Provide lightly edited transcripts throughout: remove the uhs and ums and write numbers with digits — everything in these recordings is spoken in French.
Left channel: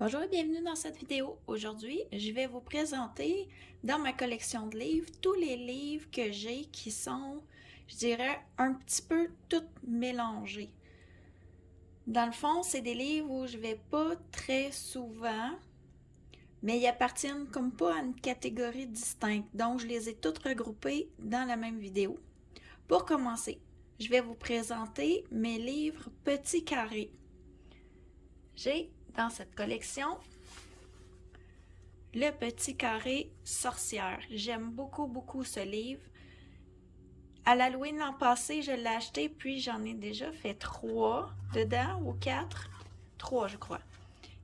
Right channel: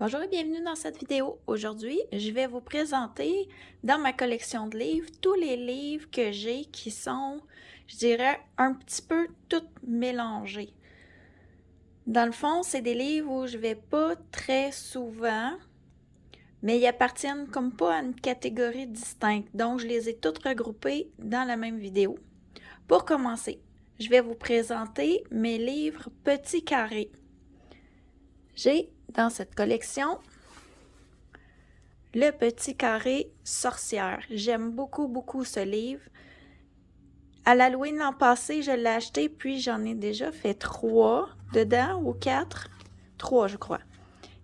Bonjour et bienvenue dans cette vidéo. Aujourd'hui, je vais vous présenter dans ma collection de livres tous les livres que j'ai qui sont, je dirais, un petit peu tout mélangés. Dans le fond, c'est des livres où je vais pas très souvent, mais ils appartiennent comme pas à une catégorie distincte. Donc, je les ai toutes regroupés dans la même vidéo. Pour commencer, je vais vous présenter mes livres petits carrés. J'ai dans cette collection Le petit carré sorcière. J'aime beaucoup ce livre. À l'Halloween l'an passé, je l'ai acheté, puis j'en ai déjà fait 3 dedans, ou 4. 3, je crois.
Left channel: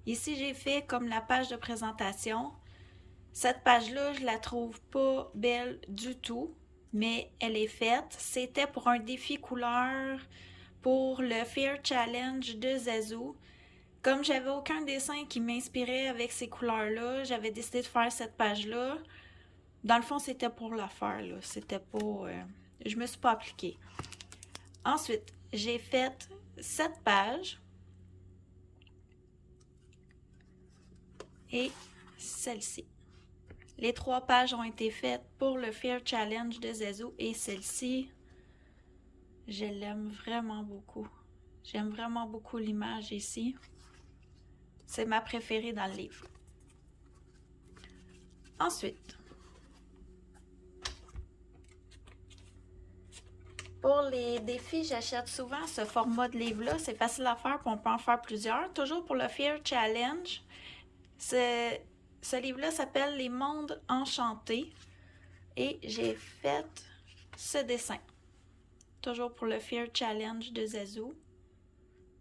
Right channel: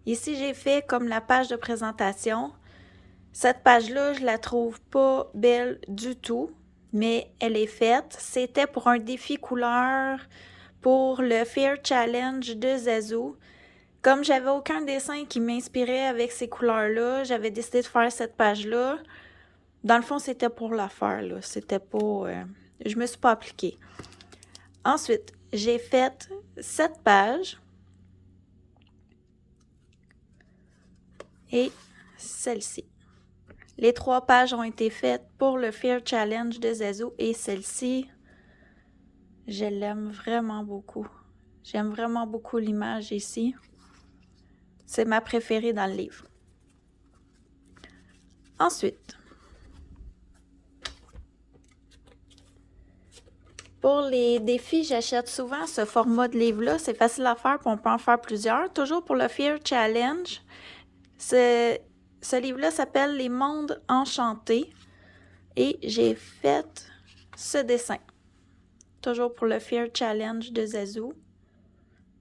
Ici, j'ai fait comme la page de présentation. Cette page-là, je la trouve pas belle du tout, mais elle est faite. C'était pour un défi couleur pour le Fear Challenge de Zazu. Comme j'avais aucun dessin qui m'inspirait avec ces couleurs-là, j'avais décidé de faire cette page-là. Dans le fond, c'était pour la faire, là. C'était pas... je me suis pas appliquée. Ensuite, j'ai fait 7 pages. Et celle-ci. Les 3 pages ont été faites pour le Fear Challenge de Zazu. Et celle-ci, je l'aime vraiment beaucoup. J'aime vraiment beaucoup l'image ici. C'est ma préférée dans le livre. Ensuite, pour les défis, j'achète souvent ce format de livre-là. C'est facile à faire, puis on peut en faire plusieurs. Toujours pour le Fear Challenge. Ce livre-là s'appelle Les mondes enchantés. Et j'ai fait ce dessin. Toujours pour le Fear Challenge de Zazu.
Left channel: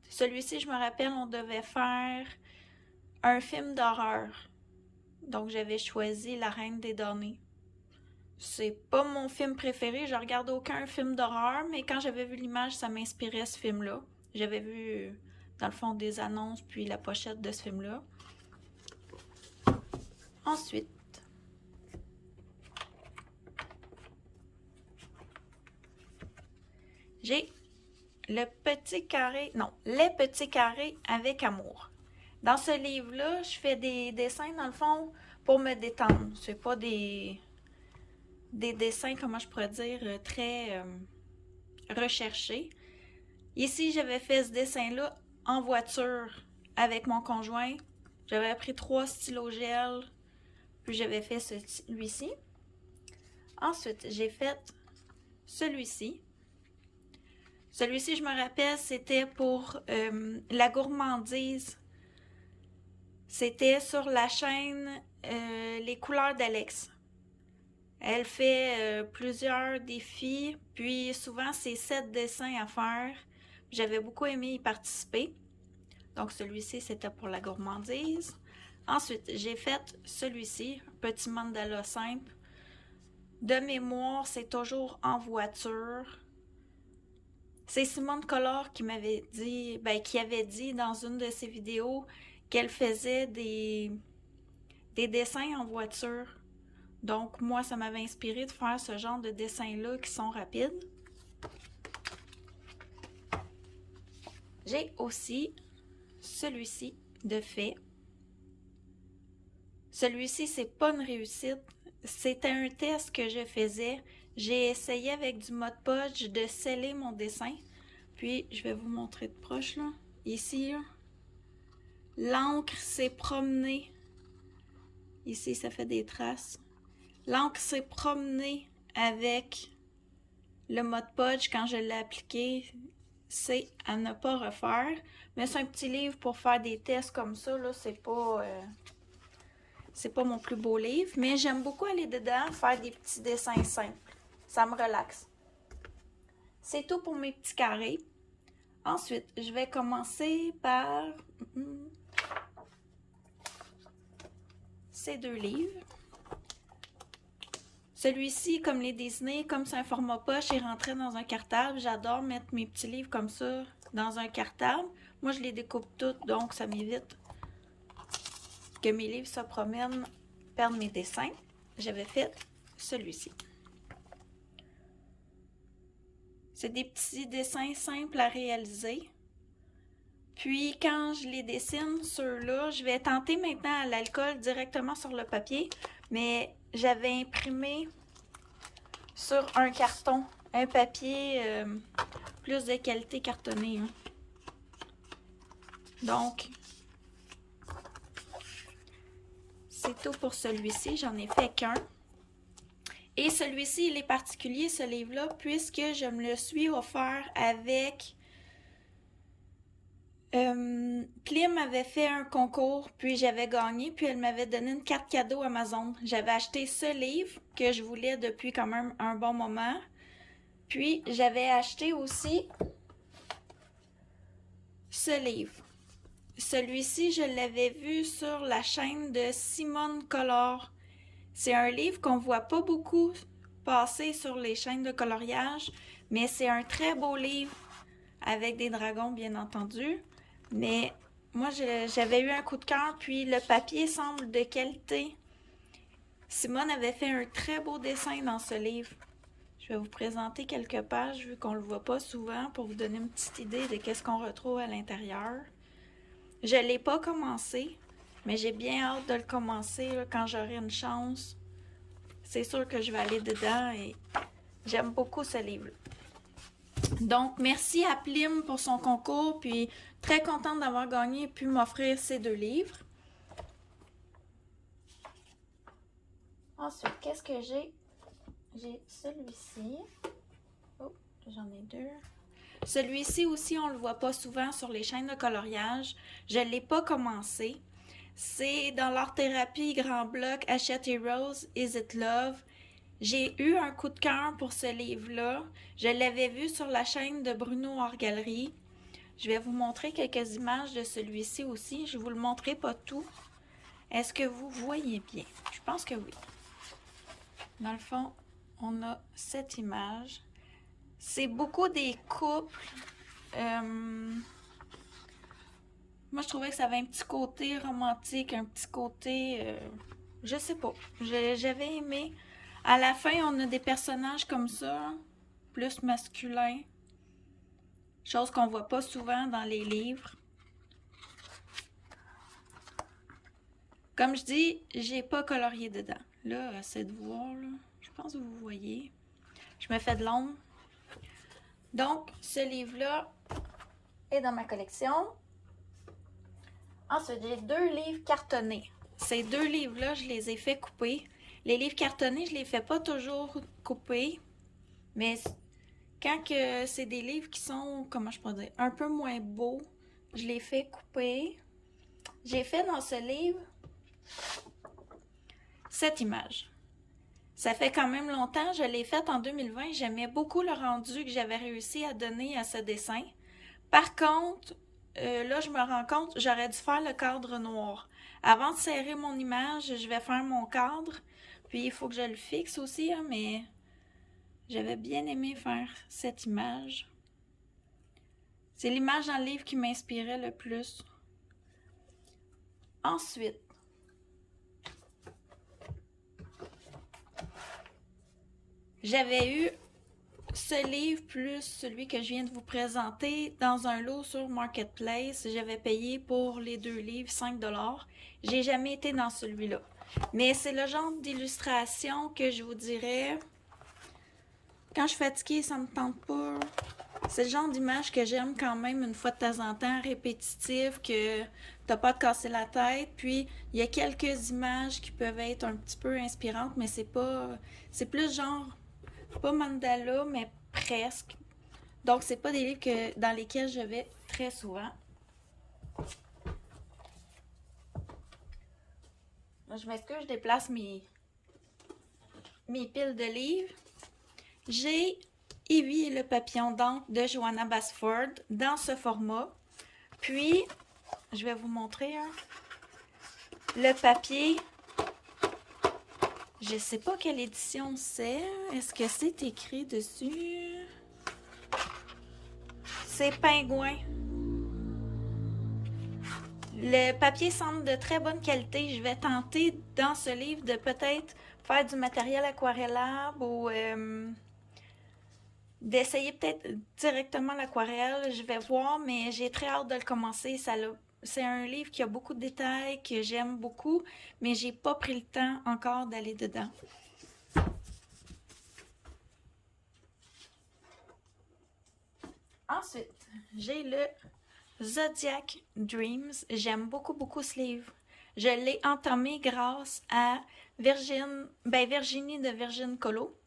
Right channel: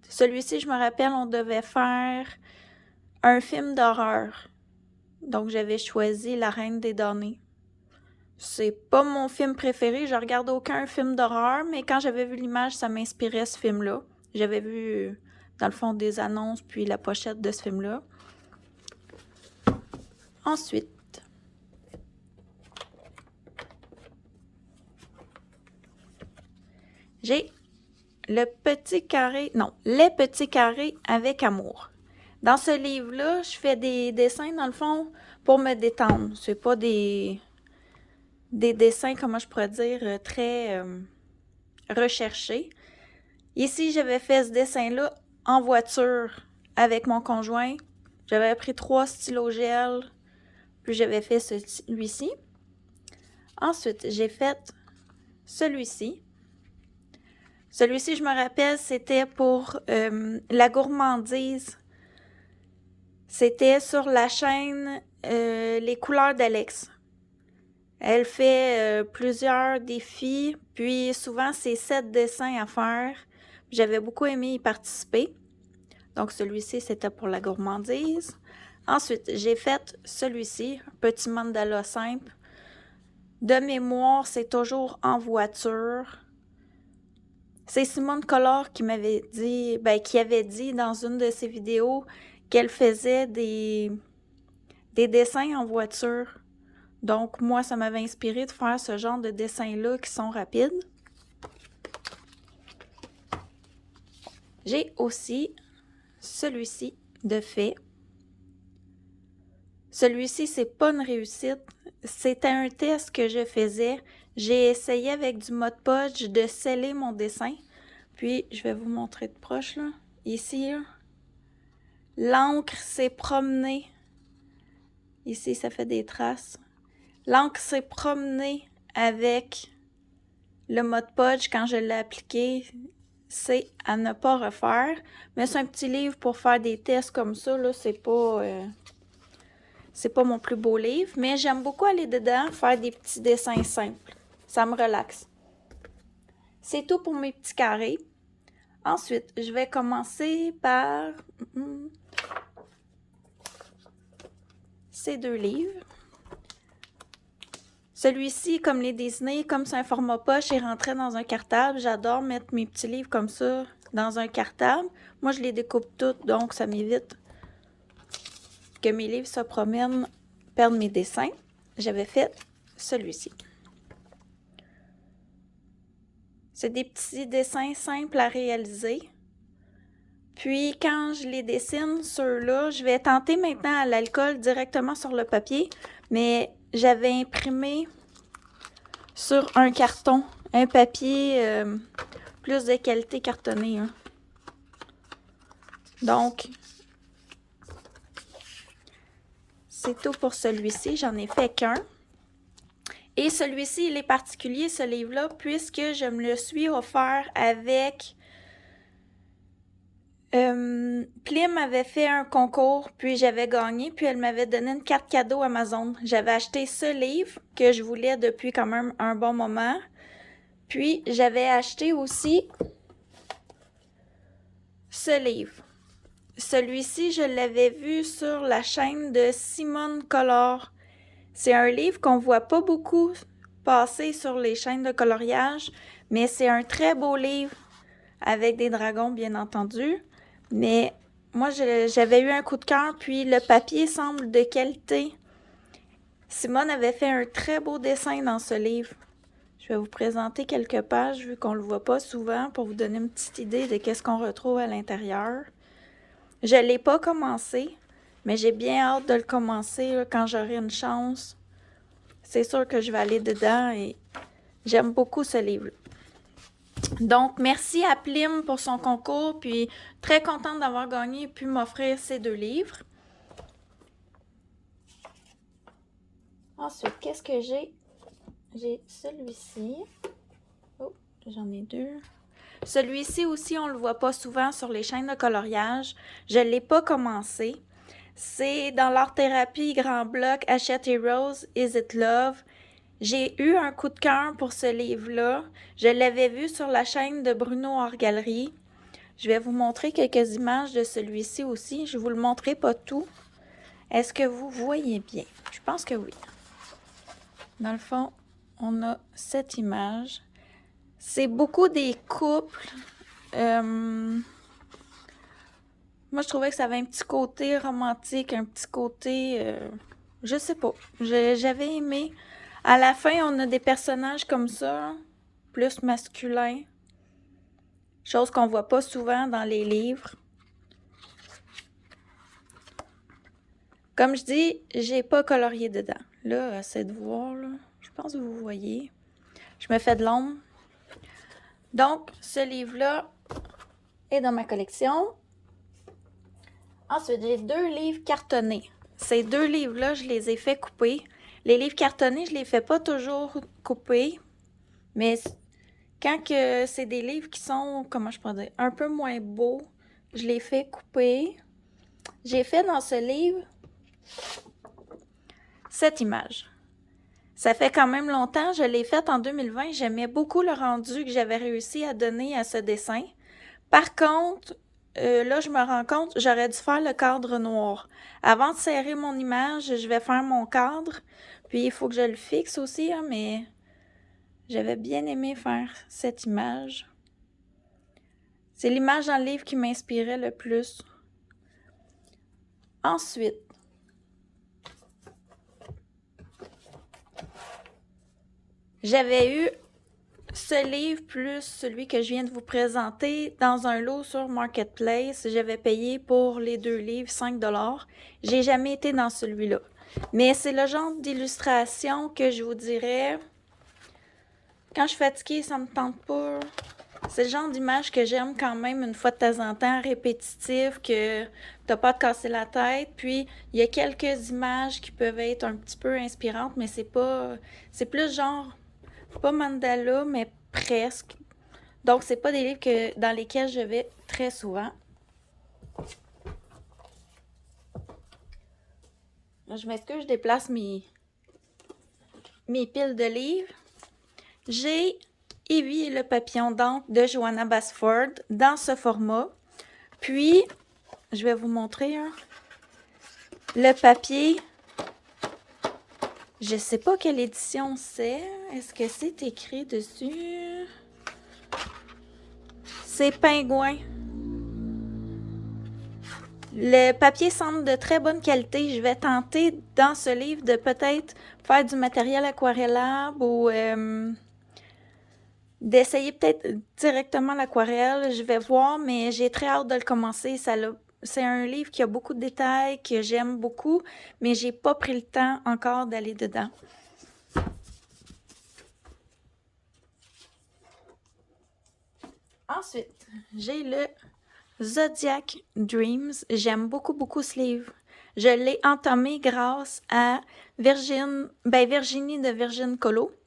Celui-ci, je me rappelle, on devait faire un film d'horreur. Donc, j'avais choisi La Reine des damnés. C'est pas mon film préféré, je regarde aucun film d'horreur, mais quand j'avais vu l'image, ça m'inspirait ce film-là. J'avais vu, dans le fond, des annonces, puis la pochette de ce film-là. Ensuite, j'ai le petit carré, non, les petits carrés avec amour. Dans ce livre-là, je fais des dessins, dans le fond, pour me détendre. C'est pas des dessins, comment je pourrais dire, très recherchés. Ici, j'avais fait ce dessin-là en voiture avec mon conjoint. J'avais pris 3 stylos gel, puis j'avais fait celui-ci. Ensuite, j'ai fait celui-ci. Celui-ci, je me rappelle, c'était pour la gourmandise. C'était sur la chaîne Les couleurs d'Alex. Elle fait plusieurs défis, puis souvent c'est 7 dessins à faire. J'avais beaucoup aimé y participer. Donc celui-ci, c'était pour la gourmandise. Ensuite, j'ai fait celui-ci, un petit mandala simple. De mémoire, c'est toujours en voiture. C'est Simone Collard qui m'avait dit, qui avait dit dans une de ses vidéos qu'elle faisait des dessins en voiture. Donc, moi, ça m'avait inspiré de faire ce genre de dessins-là qui sont rapides. J'ai aussi celui-ci de fait. Celui-ci, c'est pas une réussite. C'était un test que je faisais. J'ai essayé avec du Mod Podge de sceller mon dessin. Puis, je vais vous montrer de proche, là. Ici, là. L'encre s'est promenée. Ici, ça fait des traces. L'encre s'est promenée avec le Mod Podge quand je l'ai appliqué. C'est à ne pas refaire. Mais c'est un petit livre pour faire des tests comme ça, là. C'est pas mon plus beau livre, mais j'aime beaucoup aller dedans, faire des petits dessins simples. Ça me relaxe. C'est tout pour mes petits carrés. Ensuite, je vais commencer par ces 2 livres. Celui-ci, comme les Disney, comme c'est un format poche, il rentrait dans un cartable. J'adore mettre mes petits livres comme ça dans un cartable. Moi, je les découpe toutes, donc ça m'évite que mes livres se promènent, perdent mes dessins. J'avais fait celui-ci. C'est des petits dessins simples à réaliser. Puis quand je les dessine, ceux-là, je vais tenter maintenant à l'alcool directement sur le papier, mais j'avais imprimé sur un carton, un papier plus de qualité cartonné. Hein. Donc, c'est tout pour celui-ci. J'en ai fait qu'un. Et celui-ci, il est particulier, ce livre-là, puisque je me le suis offert avec... Plim avait fait un concours, puis j'avais gagné, puis elle m'avait donné une carte cadeau Amazon. J'avais acheté ce livre que je voulais depuis quand même un bon moment. Puis j'avais acheté aussi ce livre. Celui-ci, je l'avais vu sur la chaîne de Simone Color. C'est un livre qu'on voit pas beaucoup passer sur les chaînes de coloriage, mais c'est un très beau livre avec des dragons, bien entendu. Mais moi, j'avais eu un coup de cœur, puis le papier semble de qualité. Simone avait fait un très beau dessin dans ce livre. Je vais vous présenter quelques pages, vu qu'on ne le voit pas souvent, pour vous donner une petite idée de qu'est-ce qu'on retrouve à l'intérieur. Je ne l'ai pas commencé, mais j'ai bien hâte de le commencer là, quand j'aurai une chance. C'est sûr que je vais aller dedans et j'aime beaucoup ce livre. Donc, merci à Plim pour son concours, puis très contente d'avoir gagné et pu m'offrir ces 2 livres. Ensuite, qu'est-ce que j'ai? J'ai celui-ci. Oh, j'en ai 2. Celui-ci aussi, on ne le voit pas souvent sur les chaînes de coloriage. Je ne l'ai pas commencé. C'est dans l'art-thérapie Grand Bloc, Hachette Heroes, Is It Love? J'ai eu un coup de cœur pour ce livre-là. Je l'avais vu sur la chaîne de Bruno Art Galerie. Je vais vous montrer quelques images de celui-ci aussi. Je ne vous le montrerai pas tout. Est-ce que vous voyez bien? Je pense que oui. Dans le fond, on a cette image. C'est beaucoup des couples. Moi, je trouvais que ça avait un petit côté romantique, un petit côté... je sais pas. J'avais aimé. À la fin, on a des personnages comme ça, plus masculins. Chose qu'on voit pas souvent dans les livres. Comme je dis, j'ai pas colorié dedans. Là, c'est de voir, là. Je pense que vous voyez. Je me fais de l'ombre. Donc, ce livre-là est dans ma collection. Ensuite, j'ai 2 livres cartonnés. Ces 2 livres-là, je les ai fait couper. Les livres cartonnés, je les fais pas toujours couper. Mais quand que c'est des livres qui sont, comment je pourrais dire, un peu moins beaux, je les fais couper. J'ai fait dans ce livre cette image. Ça fait quand même longtemps, je l'ai faite en 2020. J'aimais beaucoup le rendu que j'avais réussi à donner à ce dessin. Par contre, là, je me rends compte, j'aurais dû faire le cadre noir. Avant de serrer mon image, je vais faire mon cadre. Puis, il faut que je le fixe aussi, hein, mais j'avais bien aimé faire cette image. C'est l'image dans le livre qui m'inspirait le plus. Ensuite, j'avais eu ce livre plus celui que je viens de vous présenter dans un lot sur Marketplace. J'avais payé pour les 2 livres 5$. J'ai jamais été dans celui-là. Mais c'est le genre d'illustration que je vous dirais, quand je suis fatiguée, ça me tente pas. C'est le genre d'image que j'aime quand même une fois de temps en temps, répétitif, que t'as pas à te casser la tête. Puis, il y a quelques images qui peuvent être un petit peu inspirantes, mais c'est pas... C'est plus genre, pas mandala, mais presque. Donc, c'est pas des livres dans lesquels je vais très souvent. Je m'excuse, je déplace mes piles de livres. J'ai Evie et le papillon d'encre de Johanna Basford dans ce format. Puis, je vais vous montrer le papier. Je sais pas quelle édition c'est. Est-ce que c'est écrit dessus? C'est Pingouin. Le papier semble de très bonne qualité. Je vais tenter dans ce livre de peut-être faire du matériel aquarellable ou d'essayer peut-être directement l'aquarelle. Je vais voir, mais j'ai très hâte de le commencer. C'est un livre qui a beaucoup de détails, que j'aime beaucoup, mais j'ai pas pris le temps encore d'aller dedans. Ensuite, j'ai le Zodiac Dreams. J'aime beaucoup, beaucoup ce livre. Je l'ai entamé grâce à Virginie de Virgin Colo.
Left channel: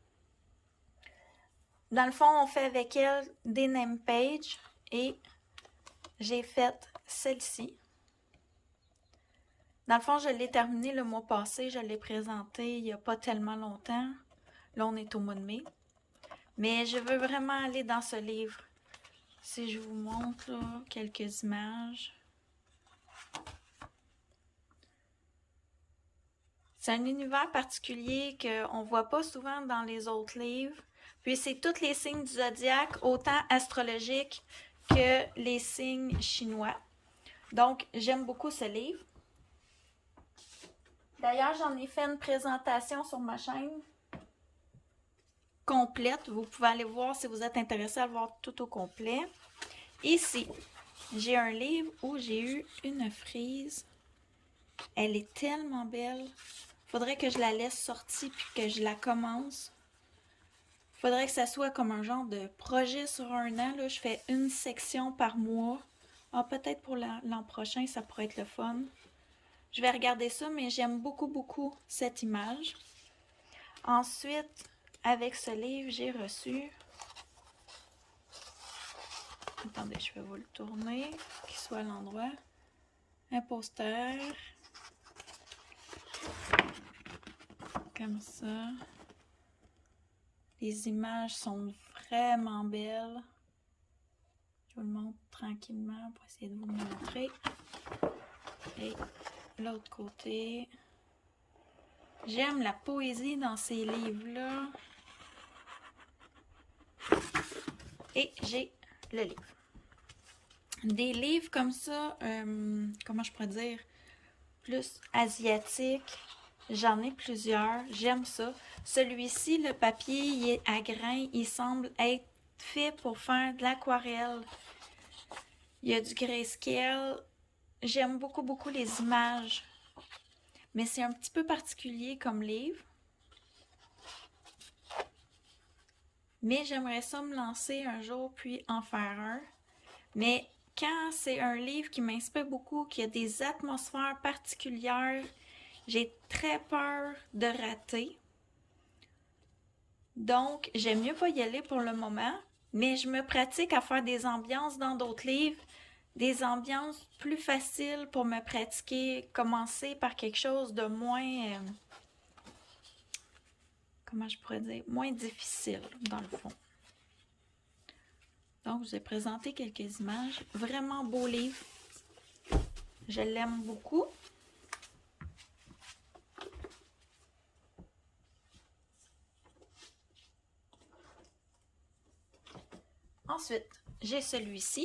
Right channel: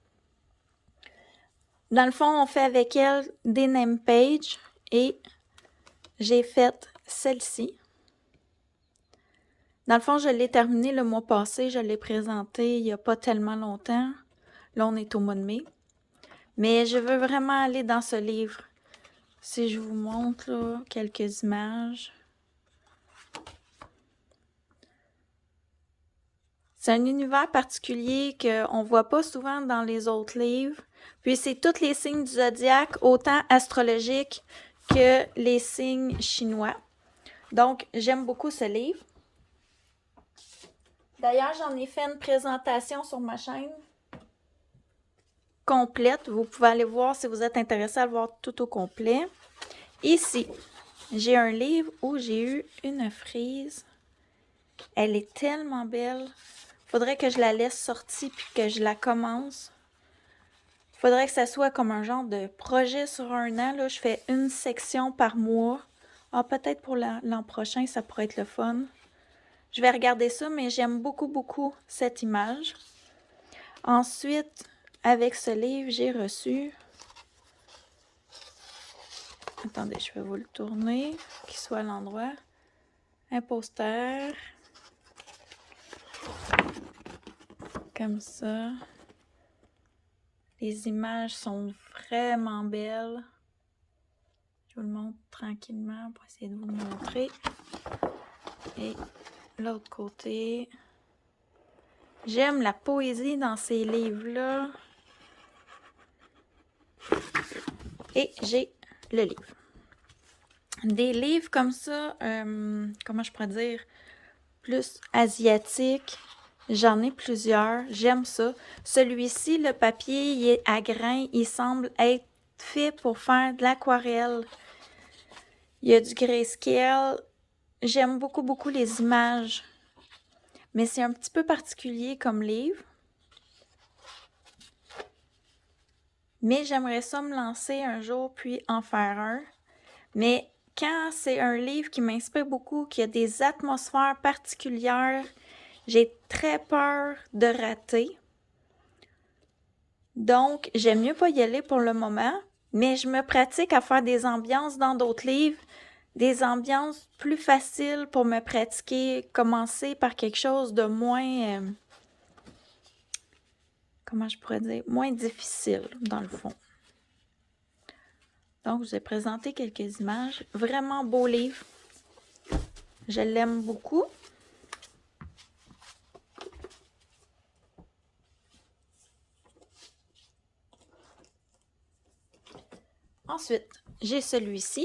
Dans le fond, on fait avec elle des name pages et j'ai fait celle-ci. Dans le fond, je l'ai terminé le mois passé. Je l'ai présenté il n'y a pas tellement longtemps. Là, on est au mois de mai. Mais je veux vraiment aller dans ce livre. Si je vous montre là, quelques images. C'est un univers particulier qu'on ne voit pas souvent dans les autres livres. Puis c'est tous les signes du zodiaque, autant astrologiques que les signes chinois. Donc, j'aime beaucoup ce livre. D'ailleurs, j'en ai fait une présentation sur ma chaîne complète. Vous pouvez aller voir si vous êtes intéressé à le voir tout au complet. Ici, j'ai un livre où j'ai eu une frise. Elle est tellement belle. Faudrait que je la laisse sortie puis que je la commence. Faudrait que ça soit comme un genre de projet sur un an. Là, je fais une section par mois. Ah, peut-être pour l'an prochain, ça pourrait être le fun. Je vais regarder ça, mais j'aime beaucoup, beaucoup cette image. Ensuite, avec ce livre, j'ai reçu... Attendez, je vais vous le tourner, qu'il soit à l'endroit. Un poster. Comme ça. Les images sont vraiment belles. Je vous le montre tranquillement pour essayer de vous le montrer. Et l'autre côté. J'aime la poésie dans ces livres-là. Et j'ai le livre. Des livres comme ça, comment je pourrais dire, plus asiatiques. J'en ai plusieurs. J'aime ça. Celui-ci, le papier, il est à grains. Il semble être fait pour faire de l'aquarelle. Il y a du grayscale. J'aime beaucoup, beaucoup les images. Mais c'est un petit peu particulier comme livre. Mais j'aimerais ça me lancer un jour puis en faire un. Mais quand c'est un livre qui m'inspire beaucoup, qui a des atmosphères particulières, j'ai très peur de rater. Donc, j'aime mieux pas y aller pour le moment, mais je me pratique à faire des ambiances dans d'autres livres, des ambiances plus faciles pour me pratiquer, commencer par quelque chose de moins, comment je pourrais dire, moins difficile dans le fond. Donc, je vous ai présenté quelques images. Vraiment beau livre. Je l'aime beaucoup. Ensuite, j'ai celui-ci.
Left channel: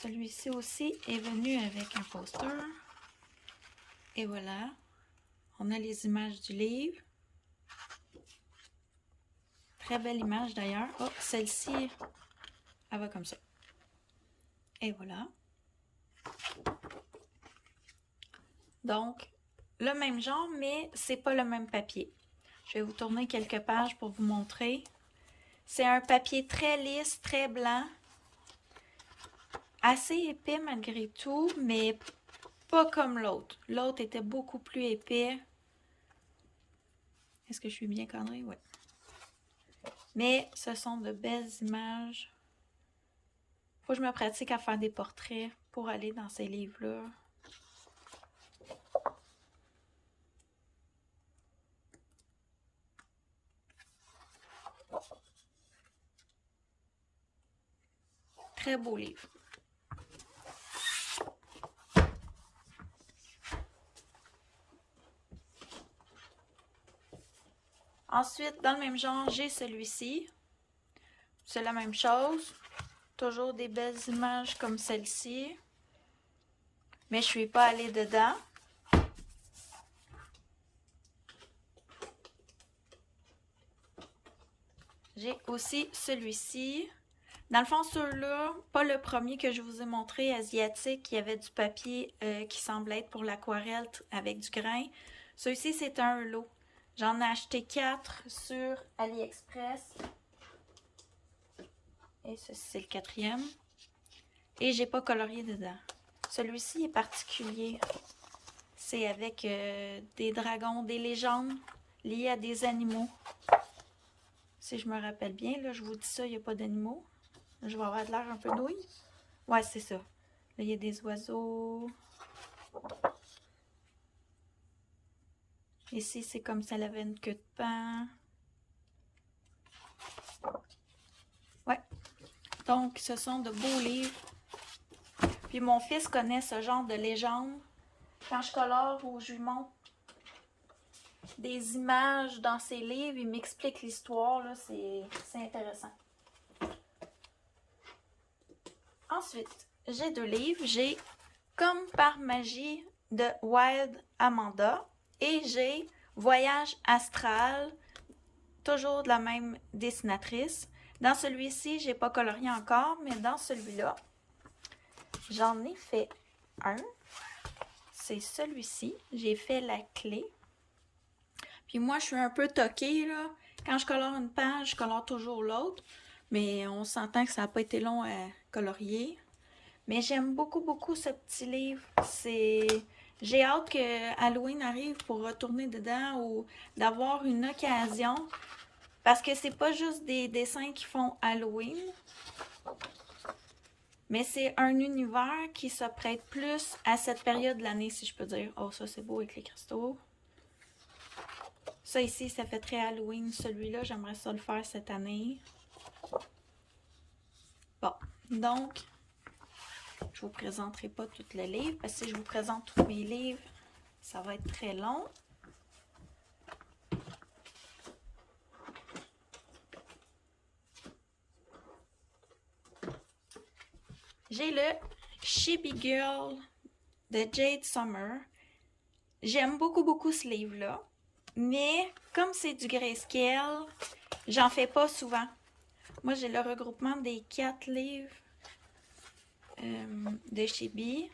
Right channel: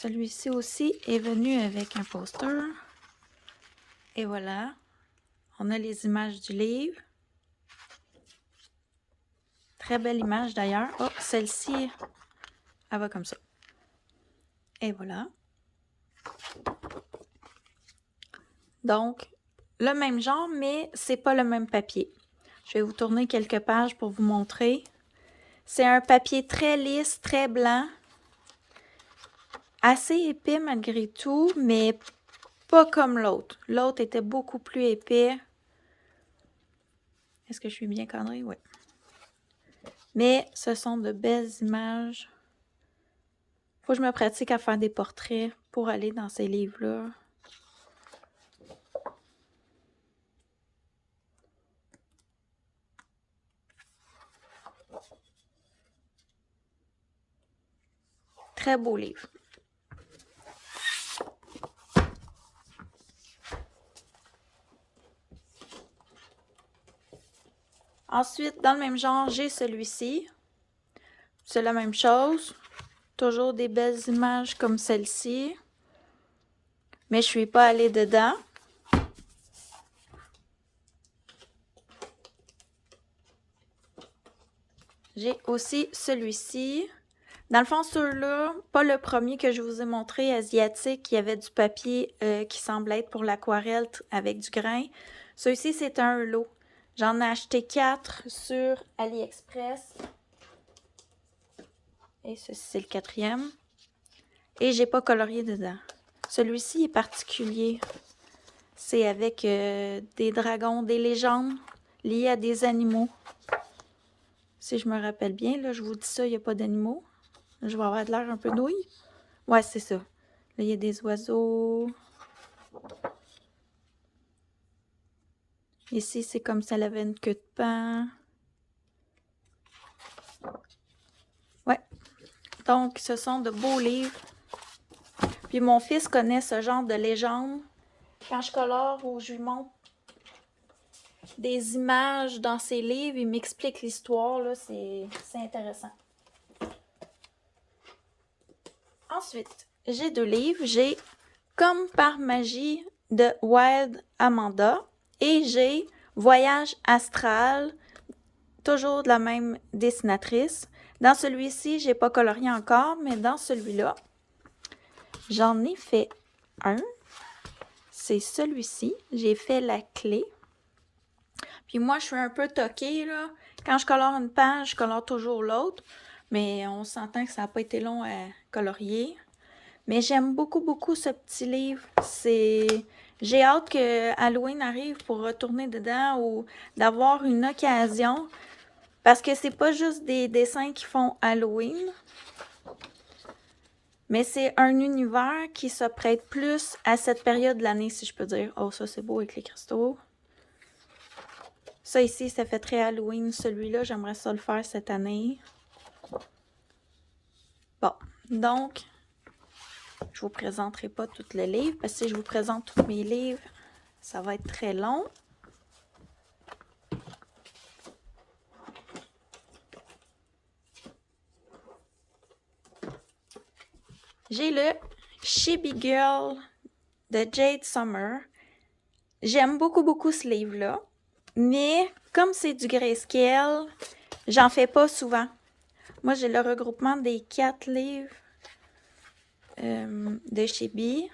Celui-ci aussi est venu avec un poster. Et voilà. On a les images du livre. Très belle image d'ailleurs. Oh, celle-ci, elle va comme ça. Et voilà. Donc, le même genre, mais c'est pas le même papier. Je vais vous tourner quelques pages pour vous montrer. C'est un papier très lisse, très blanc. Assez épais malgré tout, mais pas comme l'autre. L'autre était beaucoup plus épais. Est-ce que je suis bien cadrée? Oui. Mais ce sont de belles images. Faut que je me pratique à faire des portraits pour aller dans ces livres-là. Très beau livre. Ensuite, dans le même genre, j'ai celui-ci. C'est la même chose. Toujours des belles images comme celle-ci. Mais je ne suis pas allée dedans. J'ai aussi celui-ci. Dans le fond, ceux-là, pas le premier que je vous ai montré, asiatique, il y avait du papier qui semblait être pour l'aquarelle avec du grain. Celui-ci, c'est un lot. J'en ai acheté 4 sur AliExpress. Et ceci, c'est le 4e. Et j'ai pas colorié dedans. Celui-ci est particulier. C'est avec des dragons, des légendes liées à des animaux. Si je me rappelle bien, là, je vous dis ça, il n'y a pas d'animaux. Je vais avoir de l'air un peu nouille. Ouais, c'est ça. Là, il y a des oiseaux. Ici, c'est comme ça, elle avait une queue de pain. Ouais. Donc, ce sont de beaux livres. Puis mon fils connaît ce genre de légende. Quand je colore ou je lui montre des images dans ses livres, il m'explique l'histoire, là, c'est intéressant. Ensuite, j'ai 2 livres. J'ai Comme par magie de Wild Amanda et j'ai Voyage astral, toujours de la même dessinatrice. Dans celui-ci, j'ai pas colorié encore, mais dans celui-là, j'en ai fait un. C'est celui-ci. J'ai fait la clé. Puis moi, je suis un peu toquée, là. Quand je colore une page, je colore toujours l'autre. Mais on s'entend que ça n'a pas été long à colorier. Mais j'aime beaucoup, beaucoup ce petit livre. J'ai hâte que Halloween arrive pour retourner dedans ou d'avoir une occasion. Parce que c'est pas juste des dessins qui font Halloween. Mais c'est un univers qui se prête plus à cette période de l'année, si je peux dire. Oh, ça c'est beau avec les cristaux. Ça ici, ça fait très Halloween. Celui-là, j'aimerais ça le faire cette année. Bon, donc, je vous présenterai pas tous les livres, parce que si je vous présente tous mes livres, ça va être très long. J'ai le Chibi Girl de Jade Summer. J'aime beaucoup, beaucoup ce livre-là. Mais comme c'est du grayscale, j'en fais pas souvent. Moi, j'ai le regroupement des 4 livres de Chibi.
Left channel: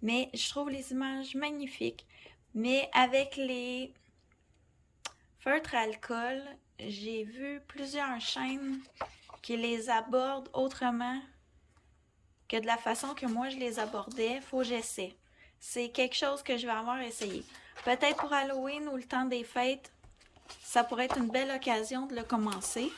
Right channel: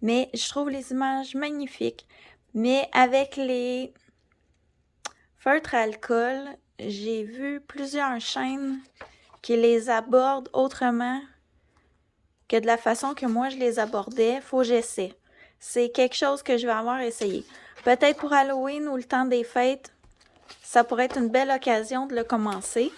Mais je trouve les images magnifiques. Mais avec les feutres à alcool, j'ai vu plusieurs chaînes qui les abordent autrement que de la façon que moi je les abordais. Faut que j'essaie. C'est quelque chose que je vais avoir essayé. Peut-être pour Halloween ou le temps des fêtes, ça pourrait être une belle occasion de le commencer.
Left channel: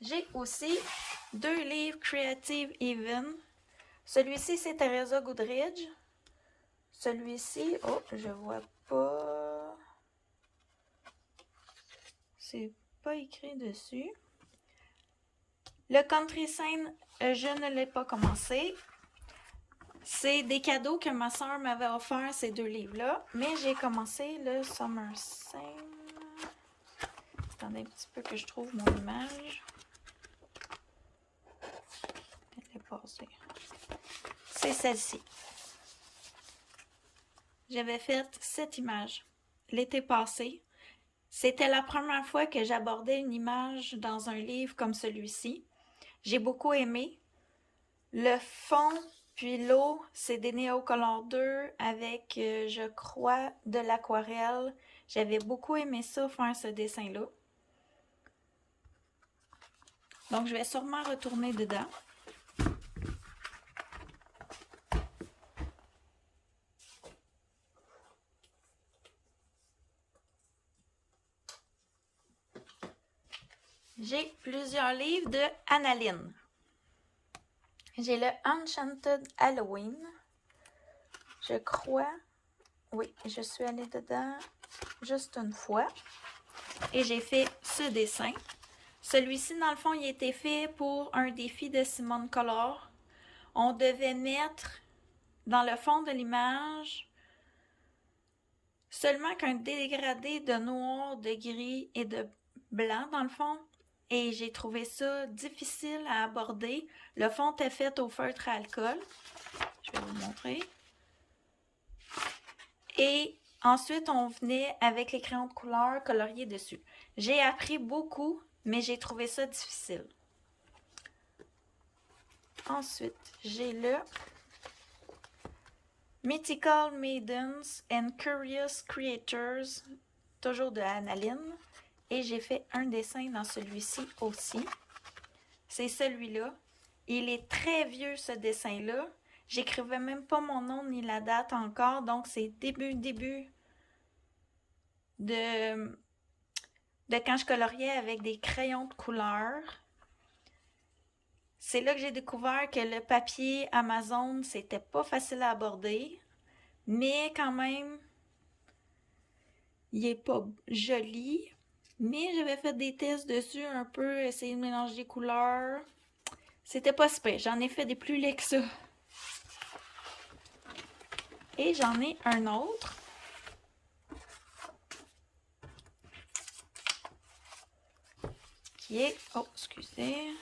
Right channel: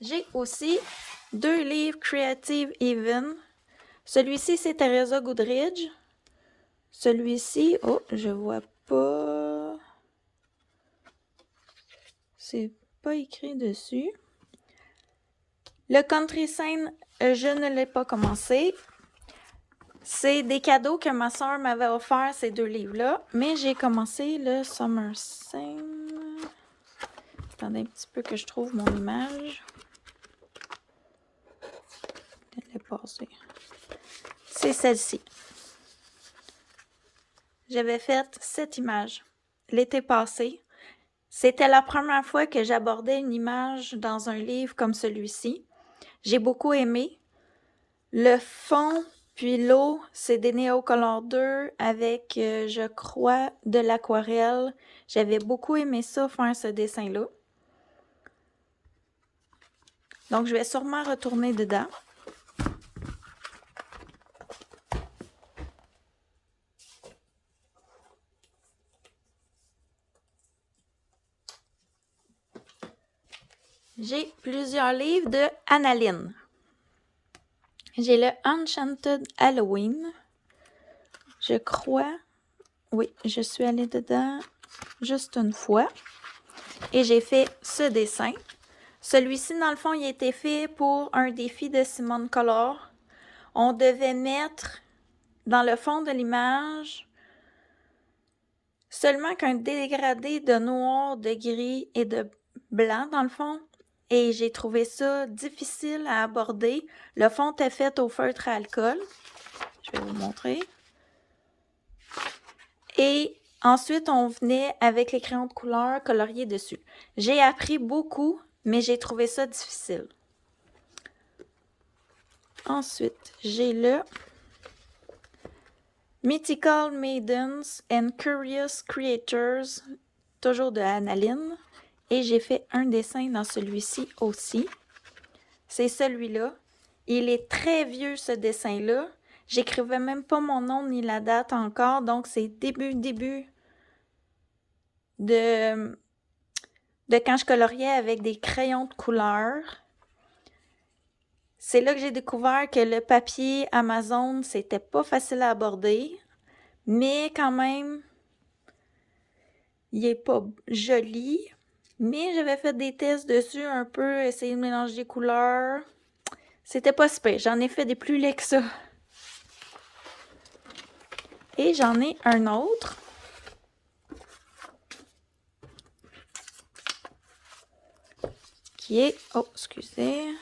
J'ai aussi 2 livres Creative Even. Celui-ci, c'est Teresa Goodridge. Celui-ci, oh, je vois pas. C'est pas écrit dessus. Le Country Scene, je ne l'ai pas commencé. C'est des cadeaux que ma soeur m'avait offert, ces 2 livres-là. Mais j'ai commencé le Summer Scene. Attendez un petit peu que je trouve mon image. Elle est passée. C'est celle-ci. J'avais fait cette image l'été passé. C'était la première fois que j'abordais une image dans un livre comme celui-ci. J'ai beaucoup aimé. Le fond puis l'eau, c'est des Neocolor 2 avec, je crois, de l'aquarelle. J'avais beaucoup aimé ça, faire ce dessin-là. Donc, je vais sûrement retourner dedans. J'ai plusieurs livres de Annaline. J'ai le Enchanted Halloween. Je crois. Oui, je suis allée dedans juste une fois. Et j'ai fait ce dessin. Celui-ci, dans le fond, il a été fait pour un défi de Simone Collard. On devait mettre dans le fond de l'image seulement qu'un dégradé de noir, de gris et de blanc, dans le fond. Et j'ai trouvé ça difficile à aborder. Le fond était fait au feutre à alcool. Je vais vous le montrer. Et ensuite, on venait avec les crayons de couleur coloriés dessus. J'ai appris beaucoup, mais j'ai trouvé ça difficile. Ensuite, j'ai le Mythical Maidens and Curious Creatures, toujours de Annaline. Et j'ai fait un dessin dans celui-ci aussi. C'est celui-là. Il est très vieux, ce dessin-là. J'écrivais même pas mon nom ni la date encore, donc c'est début de quand je coloriais avec des crayons de couleur. C'est là que j'ai découvert que le papier Amazon, c'était pas facile à aborder, mais quand même, il est pas joli. Mais j'avais fait des tests dessus un peu, essayer de mélanger les couleurs. C'était pas super. J'en ai fait des plus laids que ça. Et j'en ai un autre. Qui est... Oh, excusez.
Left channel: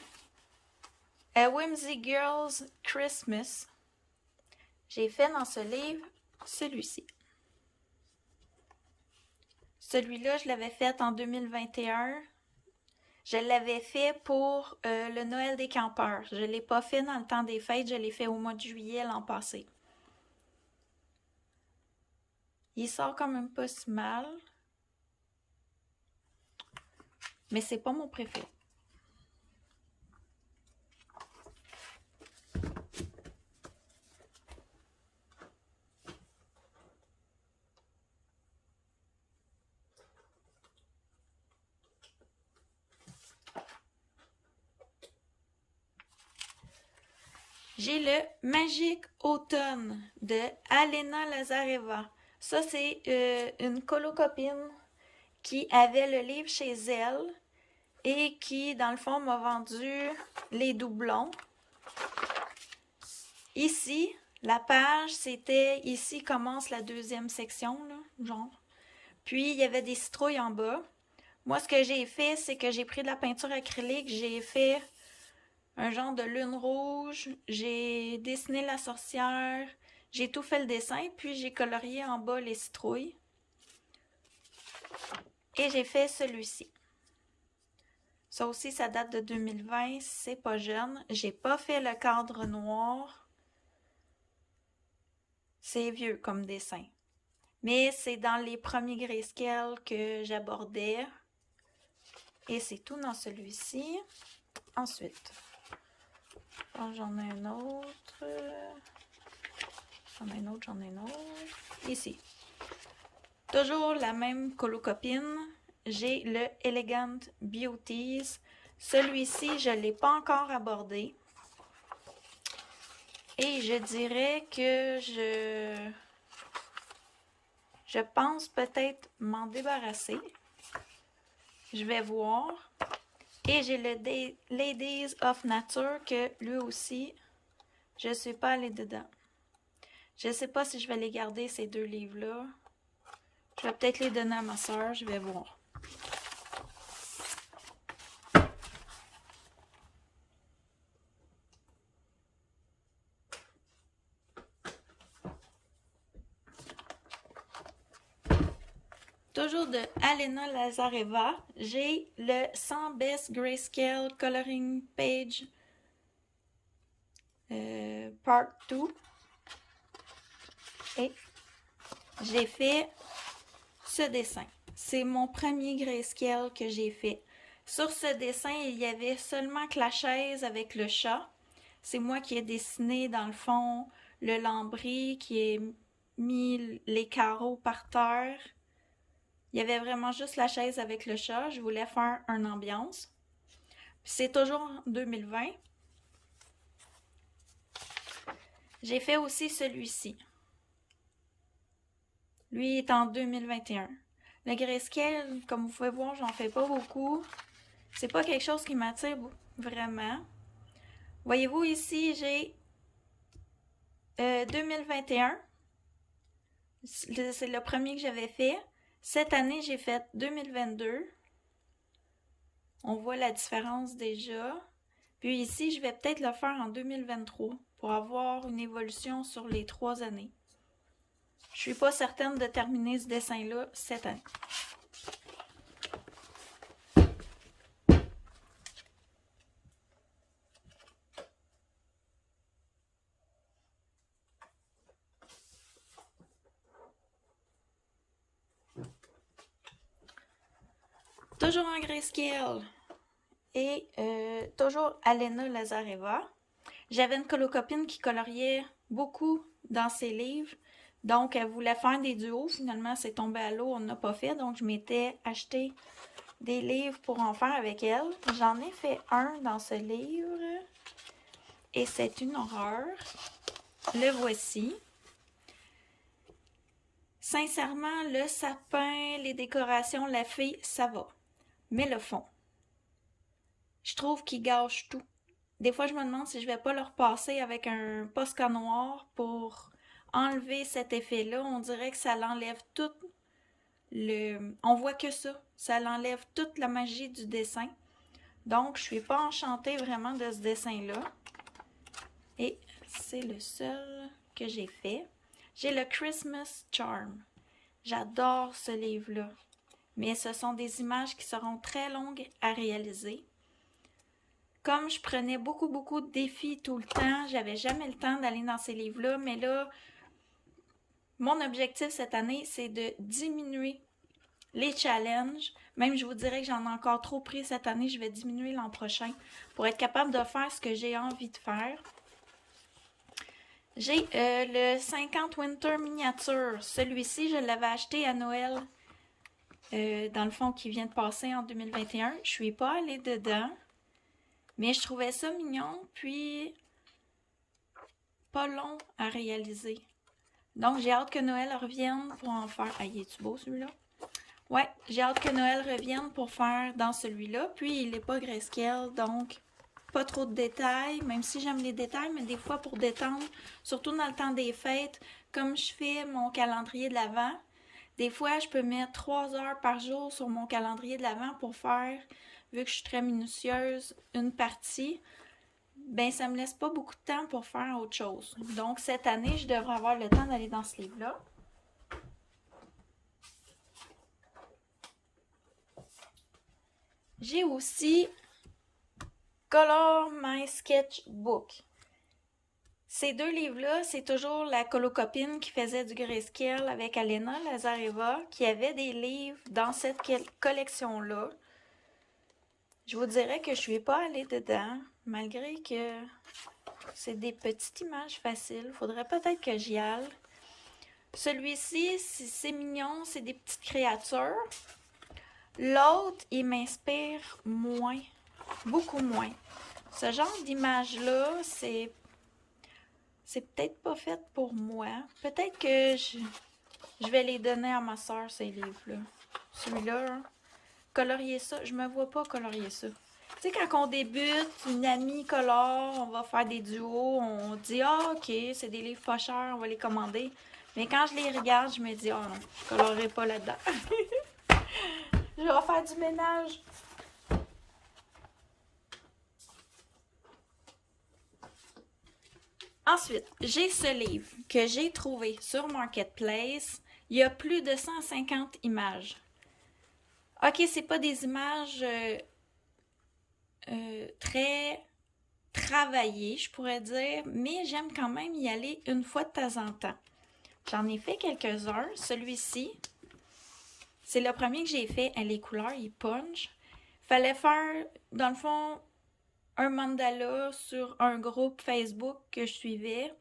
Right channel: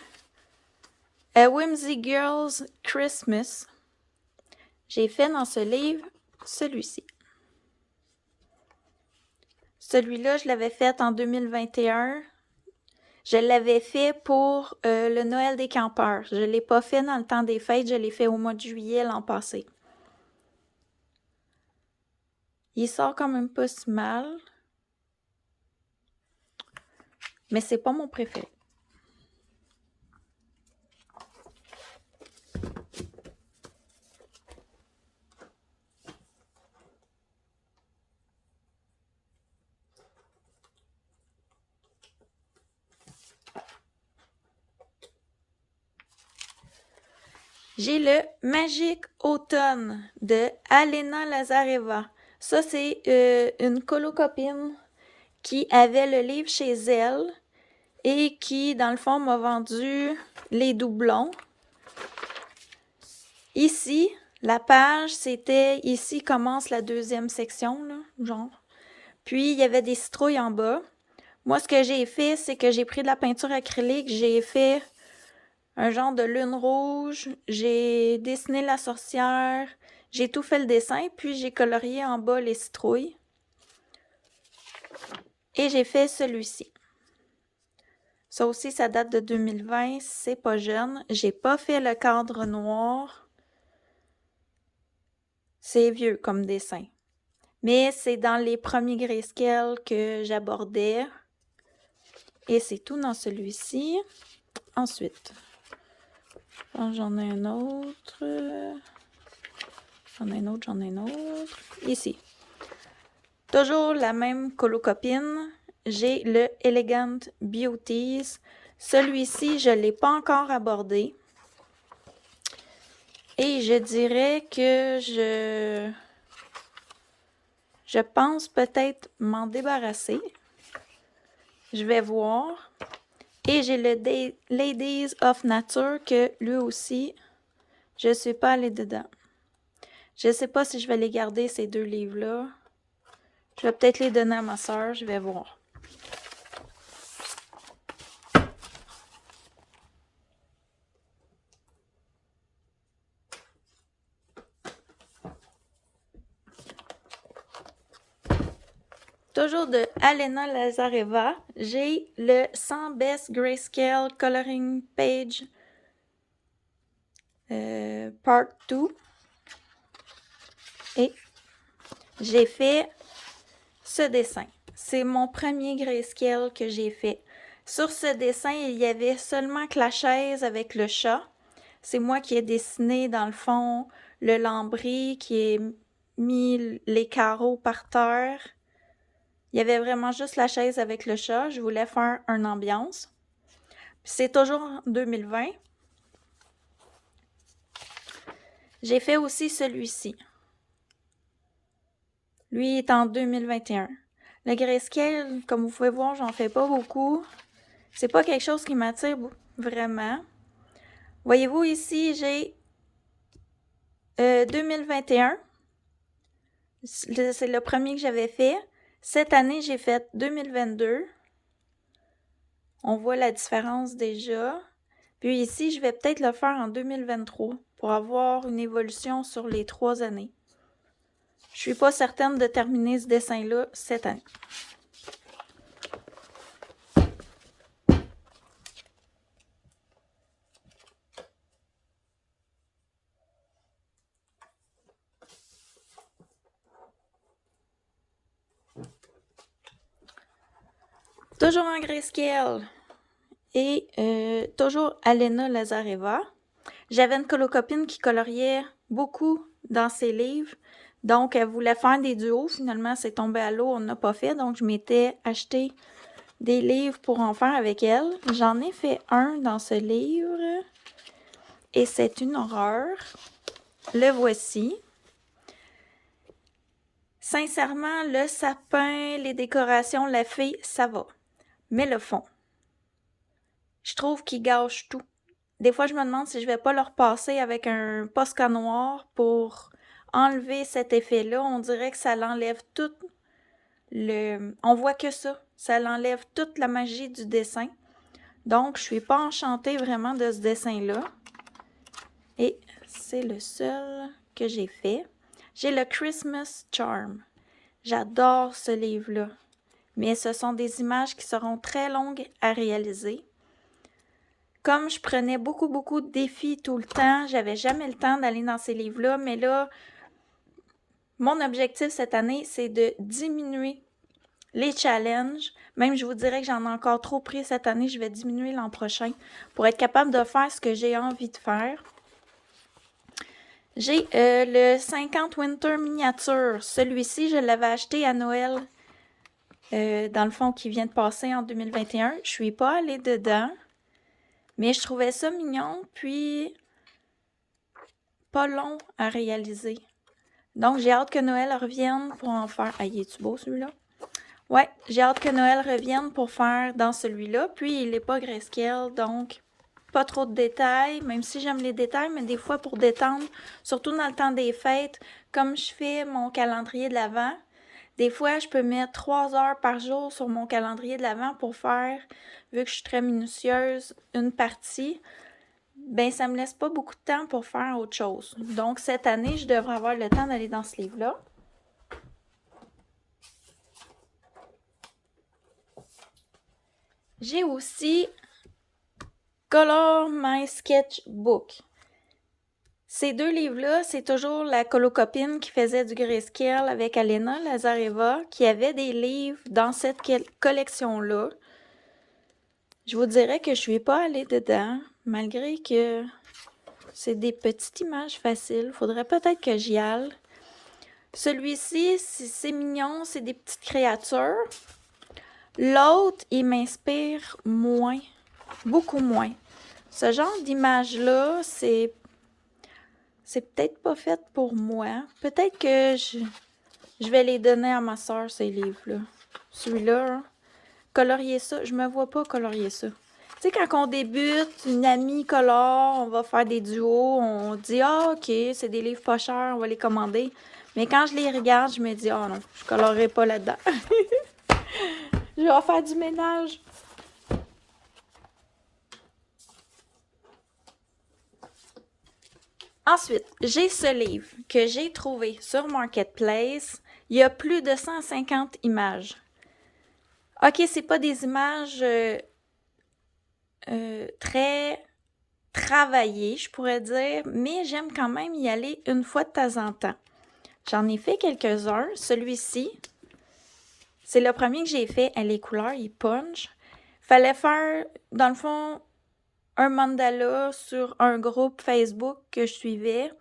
A Whimsy Girl's Christmas. J'ai fait dans ce livre celui-ci. Celui-là, je l'avais fait en 2021. Je l'avais fait pour le Noël des campeurs. Je ne l'ai pas fait dans le temps des fêtes, je l'ai fait au mois de juillet l'an passé. Il sort quand même pas si mal. Mais c'est pas mon préféré. J'ai le Magique Automne de Alena Lazareva. Ça, c'est une colocopine qui avait le livre chez elle et qui, dans le fond, m'a vendu les doublons. Ici, la page, c'était... Ici commence la deuxième section, là, genre. Puis, il y avait des citrouilles en bas. Moi, ce que j'ai fait, c'est que j'ai pris de la peinture acrylique, j'ai fait un genre de lune rouge, j'ai dessiné la sorcière, j'ai tout fait le dessin, puis j'ai colorié en bas les citrouilles. Et j'ai fait celui-ci. Ça aussi, ça date de 2020, c'est pas jeune. J'ai pas fait le cadre noir. C'est vieux comme dessin. Mais c'est dans les premiers grayscale que j'abordais. Et c'est tout dans celui-ci. Ensuite, j'en ai un autre. J'en ai un autre. Ici. Toujours la même colocopine. J'ai le Elegant Beauties. Celui-ci, je ne l'ai pas encore abordé. Et je dirais que je pense peut-être m'en débarrasser. Je vais voir. Et j'ai le Ladies of Nature que lui aussi, je ne suis pas allée dedans. Je ne sais pas si je vais les garder, ces deux livres-là. Je vais peut-être les donner à ma soeur, je vais voir. Toujours de Alena Lazareva, j'ai le 100 Best Grayscale Coloring Page Part 2. Et j'ai fait ce dessin. C'est mon premier grayscale que j'ai fait. Sur ce dessin, il y avait seulement que la chaise avec le chat. C'est moi qui ai dessiné, dans le fond, le lambris, qui ai mis les carreaux par terre. Il y avait vraiment juste la chaise avec le chat. Je voulais faire une ambiance. C'est toujours en 2020. J'ai fait aussi celui-ci. Lui est en 2021. Le grayscale, comme vous pouvez voir, j'en fais pas beaucoup. C'est pas quelque chose qui m'attire vraiment. Voyez-vous ici, j'ai 2021. C'est le premier que j'avais fait. Cette année, j'ai fait 2022. On voit la différence déjà. Puis ici, je vais peut-être le faire en 2023. pour avoir une évolution sur les 3 années. Je suis pas certaine de terminer ce dessin-là cette année. Toujours en grayscale et toujours Alena Lazareva. J'avais une colocopine qui coloriait beaucoup dans ses livres, donc elle voulait faire des duos. Finalement, c'est tombé à l'eau, on n'a pas fait, donc je m'étais acheté des livres pour en faire avec elle. J'en ai fait un dans ce livre et c'est une horreur. Le voici. Sincèrement, le sapin, les décorations, la fille, ça va. Mais le fond, je trouve qu'il gâche tout. Des fois, je me demande si je vais pas le repasser avec un Posca noir pour enlever cet effet-là. On dirait que ça l'enlève tout le... On voit que ça. Ça l'enlève toute la magie du dessin. Donc, je suis pas enchantée vraiment de ce dessin-là. Et c'est le seul que j'ai fait. J'ai le Christmas Charm. J'adore ce livre-là. Mais ce sont des images qui seront très longues à réaliser. Comme je prenais beaucoup de défis tout le temps, j'avais jamais le temps d'aller dans ces livres-là, mais là, mon objectif cette année, c'est de diminuer les challenges. Même, je vous dirais que j'en ai encore trop pris cette année, je vais diminuer l'an prochain pour être capable de faire ce que j'ai envie de faire. J'ai le 50 Winter Miniature. Celui-ci, je l'avais acheté à Noël, dans le fond, qui vient de passer en 2021. Je suis pas allée dedans, mais je trouvais ça mignon, puis pas long à réaliser. Donc, j'ai hâte que Noël revienne pour en faire... Ah, il est-tu beau, celui-là? Ouais, j'ai hâte que Noël revienne pour faire dans celui-là. Puis, il n'est pas grayscale, donc pas trop de détails, même si j'aime les détails, mais des fois, pour détendre, surtout dans le temps des fêtes, comme je fais mon calendrier de l'Avent, des fois, je peux mettre 3 heures par jour sur mon calendrier de l'Avent pour faire, vu que je suis très minutieuse, une partie. Ben, ça me laisse pas beaucoup de temps pour faire autre chose. Donc, cette année, je devrais avoir le temps d'aller dans ce livre-là. J'ai aussi Color My Sketchbook. Ces deux livres-là, c'est toujours la colocopine qui faisait du grayscale avec Alena Lazareva, qui avait des livres dans cette collection-là. Je vous dirais que je suis pas allée dedans, malgré que c'est des petites images faciles. Faudrait peut-être que j'y aille. Celui-ci, c'est mignon, c'est des petites créatures. L'autre, il m'inspire moins, beaucoup moins. Ce genre d'image-là, c'est peut-être pas fait pour moi. Peut-être que je vais les donner à ma soeur, ces livres-là. Celui-là, hein, colorier ça, je me vois pas colorier ça. Tu sais, quand on débute, une amie colore, on va faire des duos, on dit « Ah, ok, c'est des livres pas chers, on va les commander. » Mais quand je les regarde, je me dis « Ah non, je colorerai pas là-dedans. » Je vais faire du ménage. Ensuite, j'ai ce livre que j'ai trouvé sur Marketplace. Il y a plus de 150 images. Ok, c'est pas des images très travaillées, je pourrais dire, mais j'aime quand même y aller une fois de temps en temps. J'en ai fait quelques-uns. Celui-ci, c'est le premier que j'ai fait. Les couleurs, il punch. Fallait faire, dans le fond, un mandala sur un groupe Facebook que je suivais.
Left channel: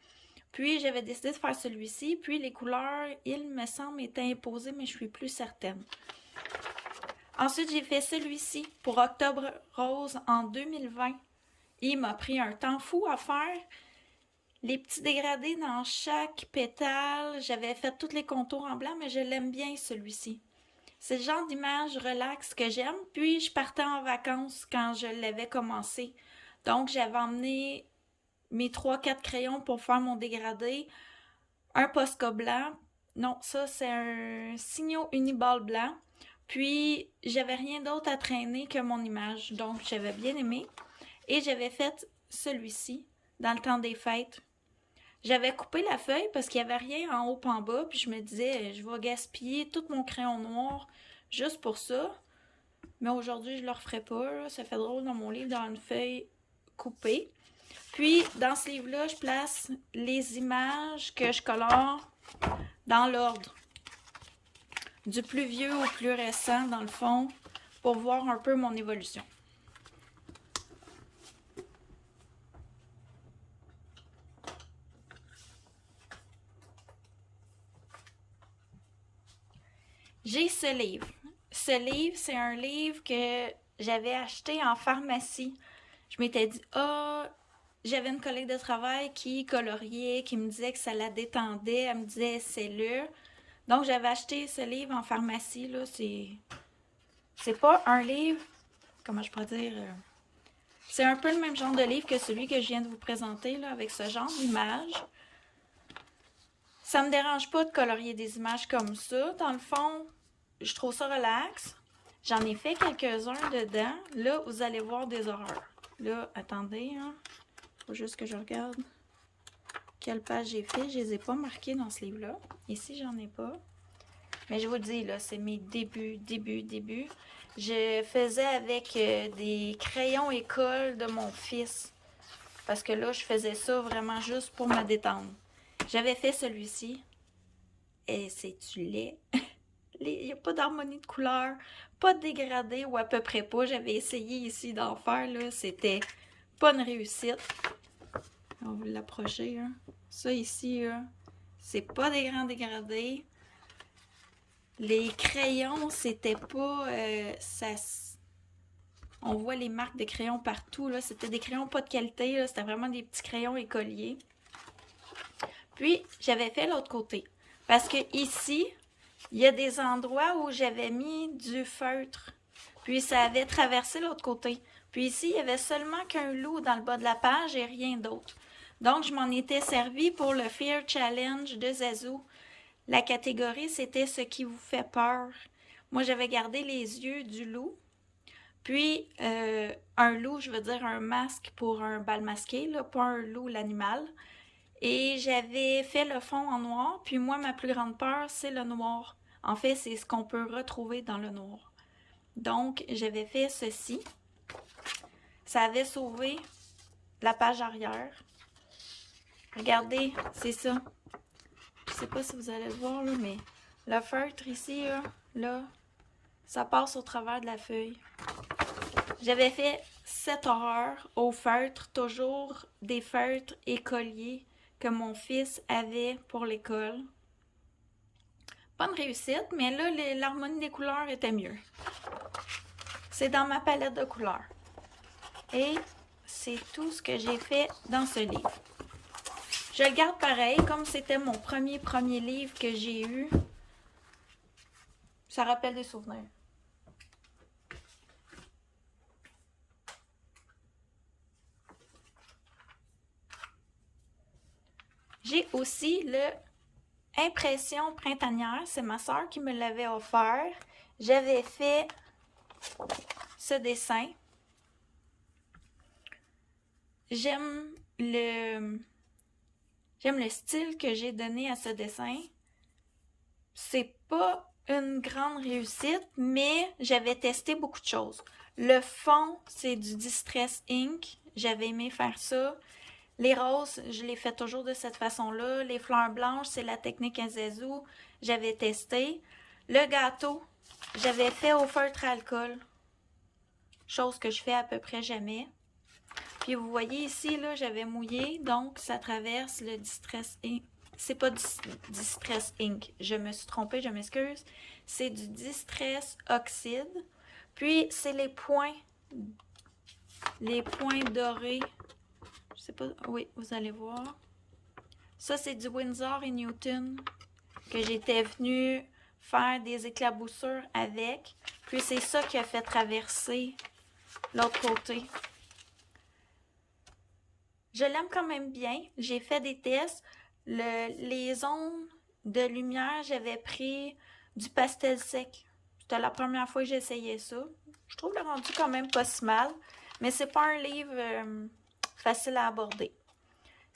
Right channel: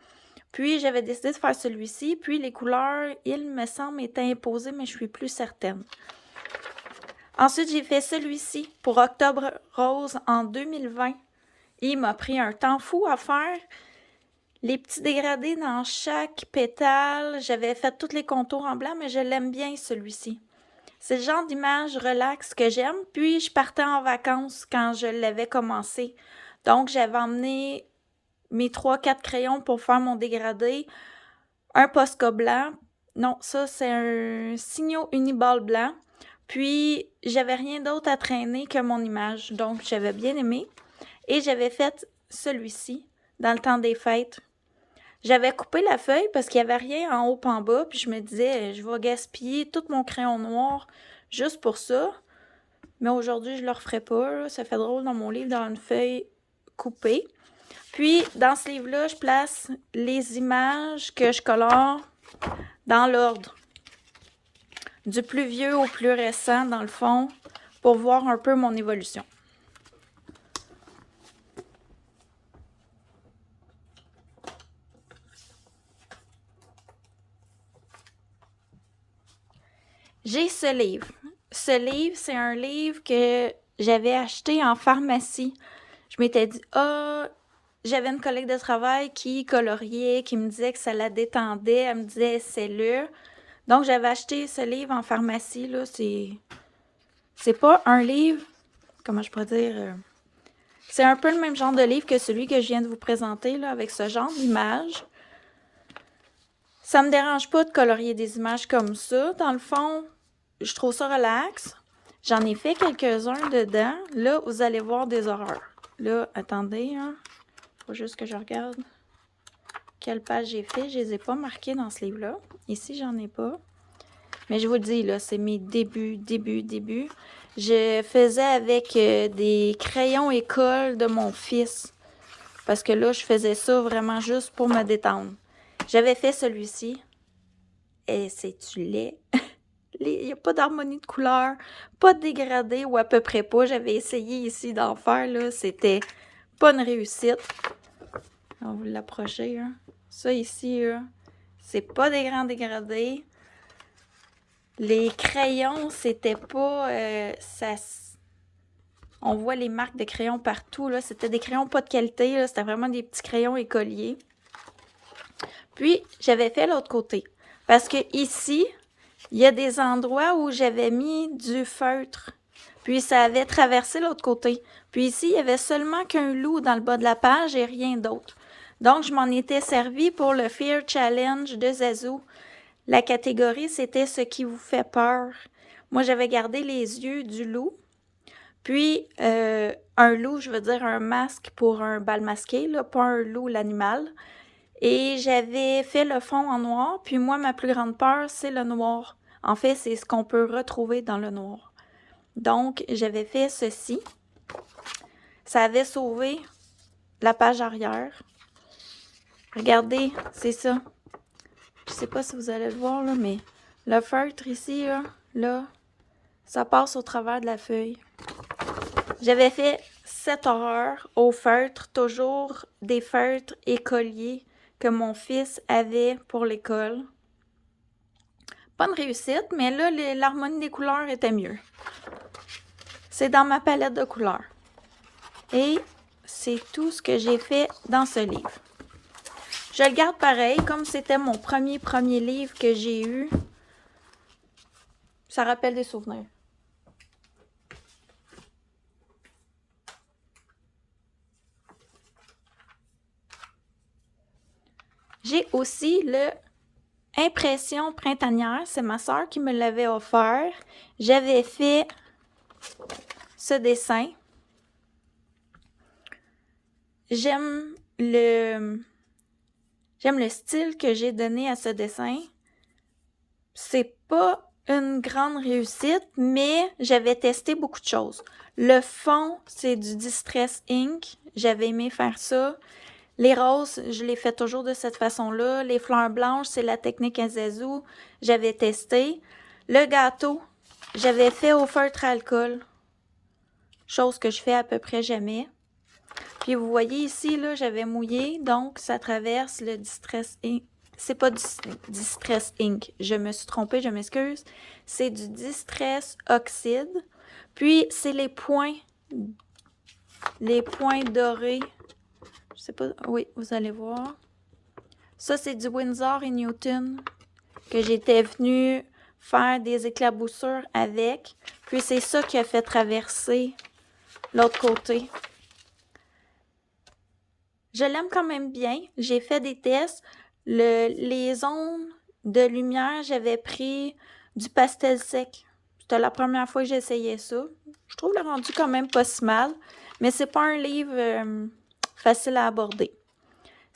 Puis, j'avais décidé de faire celui-ci. Puis, les couleurs, il me semble, étaient imposées, mais je suis plus certaine. Ensuite, j'ai fait celui-ci pour Octobre Rose en 2020. Il m'a pris un temps fou à faire. Les petits dégradés dans chaque pétale. J'avais fait tous les contours en blanc, mais je l'aime bien, celui-ci. C'est le genre d'image relax que j'aime. Puis, je partais en vacances quand je l'avais commencé. Donc, j'avais emmené mes 3-4 crayons pour faire mon dégradé. Un Posca blanc. Non, ça, c'est un Signo Uniball blanc. Puis, j'avais rien d'autre à traîner que mon image. Donc, j'avais bien aimé. Et j'avais fait celui-ci dans le temps des fêtes. J'avais coupé la feuille parce qu'il n'y avait rien en haut et en bas, puis je me disais, je vais gaspiller tout mon crayon noir juste pour ça. Mais aujourd'hui, je ne le referai pas. Là. Ça fait drôle dans mon livre d'avoir une feuille coupée. Puis, dans ce livre-là, je place les images que je colore dans l'ordre. Du plus vieux au plus récent, dans le fond, pour voir un peu mon évolution. J'ai ce livre. Ce livre, c'est un livre que j'avais acheté en pharmacie. Je m'étais dit, j'avais une collègue de travail qui coloriait, qui me disait que ça la détendait. Elle me disait, essaie-le. Donc, j'avais acheté ce livre en pharmacie. Là, c'est pas un livre, comment je pourrais dire, c'est un peu le même genre de livre que celui que je viens de vous présenter, là, avec ce genre d'images. Ça me dérange pas de colorier des images comme ça. Dans le fond, je trouve ça relax. J'en ai fait quelques-uns dedans. Là, vous allez voir des horreurs. Là, attendez, hein. Faut juste que je regarde quelle page j'ai fait. Je les ai pas marquées dans ce livre-là. Ici, j'en ai pas. Mais je vous le dis, là, c'est mes débuts. Je faisais avec des crayons école de mon fils. Parce que là, je faisais ça vraiment juste pour me détendre. J'avais fait celui-ci. Et c'est-tu laid? Il n'y a pas d'harmonie de couleur, pas de dégradé ou à peu près pas. J'avais essayé ici d'en faire, là. C'était pas une réussite. On va l'approcher, hein. Ça ici, c'est pas des grands dégradés. Les crayons, c'était pas... on voit les marques de crayons partout, là. C'était des crayons pas de qualité, là. C'était vraiment des petits crayons écoliers. Puis, j'avais fait l'autre côté. Parce que ici, il y a des endroits où j'avais mis du feutre. Puis, ça avait traversé l'autre côté. Puis ici, il y avait seulement qu'un loup dans le bas de la page et rien d'autre. Donc, je m'en étais servi pour le Fear Challenge de Zazu. La catégorie, c'était ce qui vous fait peur. Moi, j'avais gardé les yeux du loup. Puis, un loup, je veux dire un masque pour un bal masqué, là, pas un loup, l'animal. Et j'avais fait le fond en noir. Puis moi, ma plus grande peur, c'est le noir. En fait, c'est ce qu'on peut retrouver dans le noir. Donc, j'avais fait ceci. Ça avait sauvé la page arrière. Regardez, c'est ça. Je sais pas si vous allez le voir, là, mais le feutre ici, là, ça passe au travers de la feuille. J'avais fait cette horreur au feutre, toujours des feutres écoliers que mon fils avait pour l'école. Pas une réussite, mais là, l'harmonie des couleurs était mieux. C'est dans ma palette de couleurs. Et c'est tout ce que j'ai fait dans ce livre. Je le garde pareil, comme c'était mon premier livre que j'ai eu. Ça rappelle des souvenirs. J'ai aussi le Impression printanière. C'est ma soeur qui me l'avait offert. J'avais fait ce dessin. J'aime le style que j'ai donné à ce dessin. C'est pas une grande réussite, mais j'avais testé beaucoup de choses. Le fond, c'est du Distress Ink. J'avais aimé faire ça. Les roses, je les fais toujours de cette façon-là. Les fleurs blanches, c'est la technique Zazu. J'avais testé. Le gâteau, j'avais fait au feutre à alcool. Chose que je fais à peu près jamais. Puis vous voyez ici, là, j'avais mouillé, donc ça traverse le Distress Ink. C'est pas du Distress Ink. Je me suis trompée, je m'excuse. C'est du Distress Oxide. Puis c'est les points dorés. Je sais pas, oui, vous allez voir. Ça, c'est du Winsor & Newton que j'étais venue faire des éclaboussures avec. Puis c'est ça qui a fait traverser l'autre côté. Je l'aime quand même bien. J'ai fait des tests. Les ondes de lumière, j'avais pris du pastel sec. C'était la première fois que j'essayais ça. Je trouve le rendu quand même pas si mal. Mais c'est pas un livre facile à aborder.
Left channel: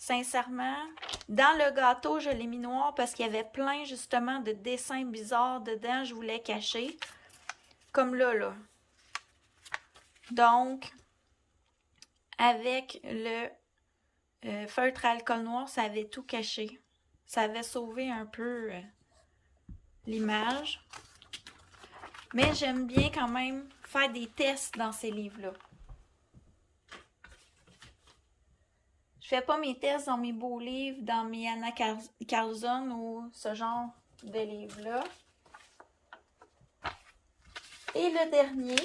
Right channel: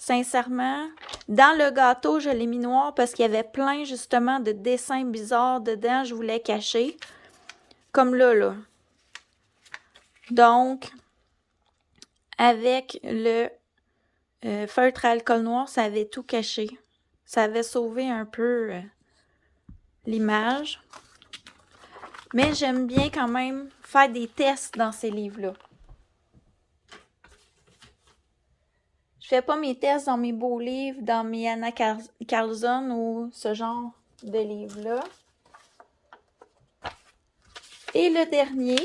Sincèrement, dans le gâteau, je l'ai mis noir parce qu'il y avait plein justement de dessins bizarres dedans. Je voulais cacher. Comme là. Donc, avec le feutre à alcool noir, ça avait tout caché. Ça avait sauvé un peu l'image. Mais j'aime bien quand même faire des tests dans ces livres-là. Je fais pas mes tests dans mes beaux livres, dans mes Anna Carlson ou ce genre de livres-là. Et le dernier,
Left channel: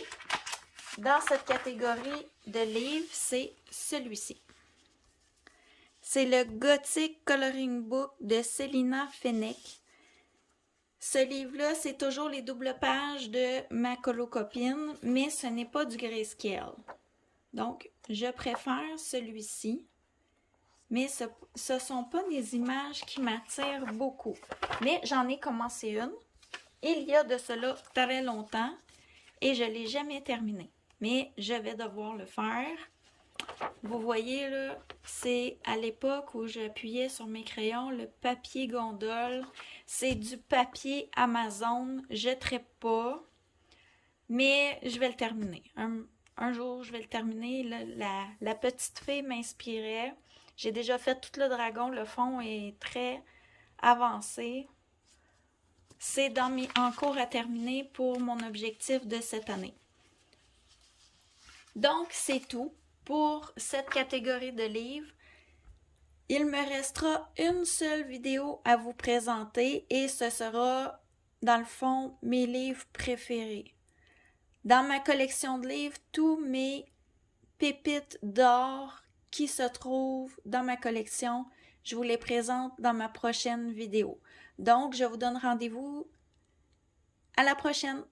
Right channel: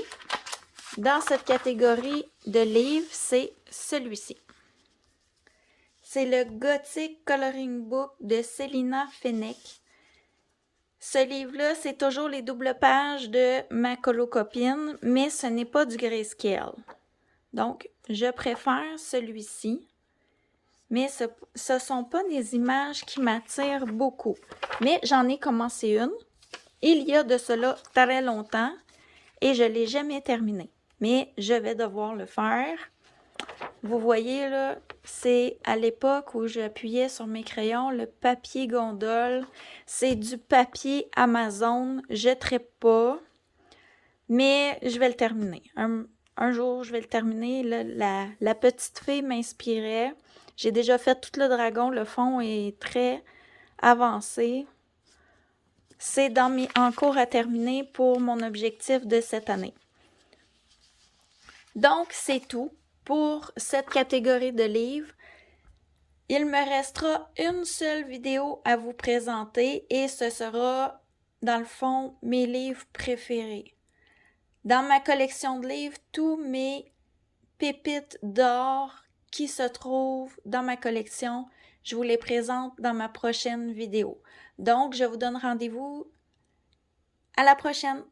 dans cette catégorie de livres, c'est celui-ci. C'est le Gothic Coloring Book de Célina Fenech. Ce livre-là, c'est toujours les doubles pages de ma colocopine, mais ce n'est pas du grayscale. Donc, je préfère celui-ci. Mais ce ne sont pas des images qui m'attirent beaucoup. Mais j'en ai commencé une. Il y a de cela très longtemps et je ne l'ai jamais terminé. Mais je vais devoir le faire. Vous voyez là, c'est à l'époque où j'appuyais sur mes crayons, le papier gondole. C'est du papier Amazon. Je ne traite pas, mais je vais le terminer. Un jour, je vais le terminer. La petite fille m'inspirait. J'ai déjà fait tout le dragon. Le fond est très avancé. C'est en cours à terminer pour mon objectif de cette année. Donc, c'est tout pour cette catégorie de livres. Il me restera une seule vidéo à vous présenter et ce sera, dans le fond, mes livres préférés. Dans ma collection de livres, tous mes pépites d'or qui se trouvent dans ma collection, je vous les présente dans ma prochaine vidéo. Donc, je vous donne rendez-vous à la prochaine.